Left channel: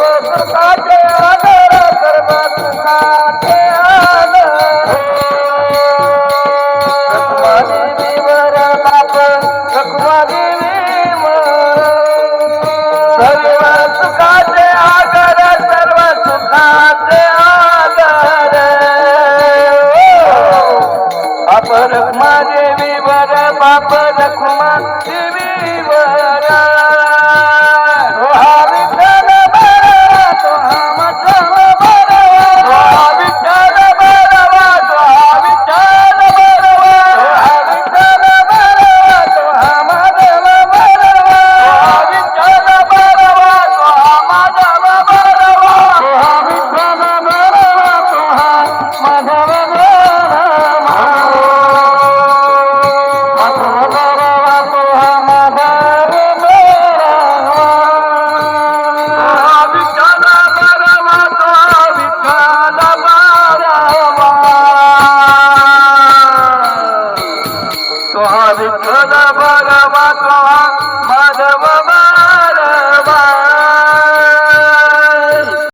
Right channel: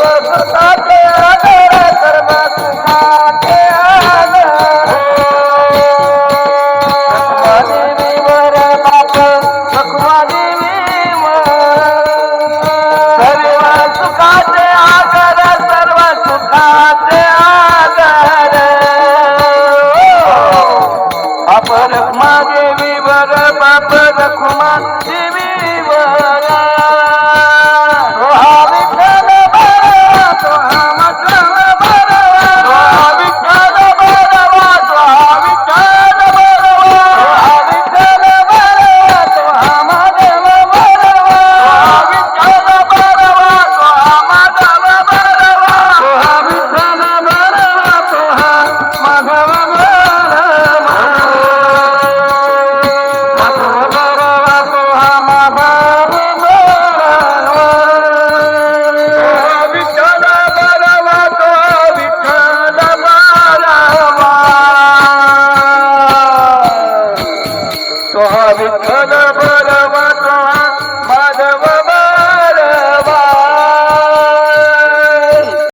सुखाचे आधार सर्व सुखाचे आधार देवीवर बाप रखुमा देवीवर सर्व सुखाचे आधार सर्व सुखाचे आधार बाप रखुमा देवीवर बाप रखुमा देवीवर विठ्ठल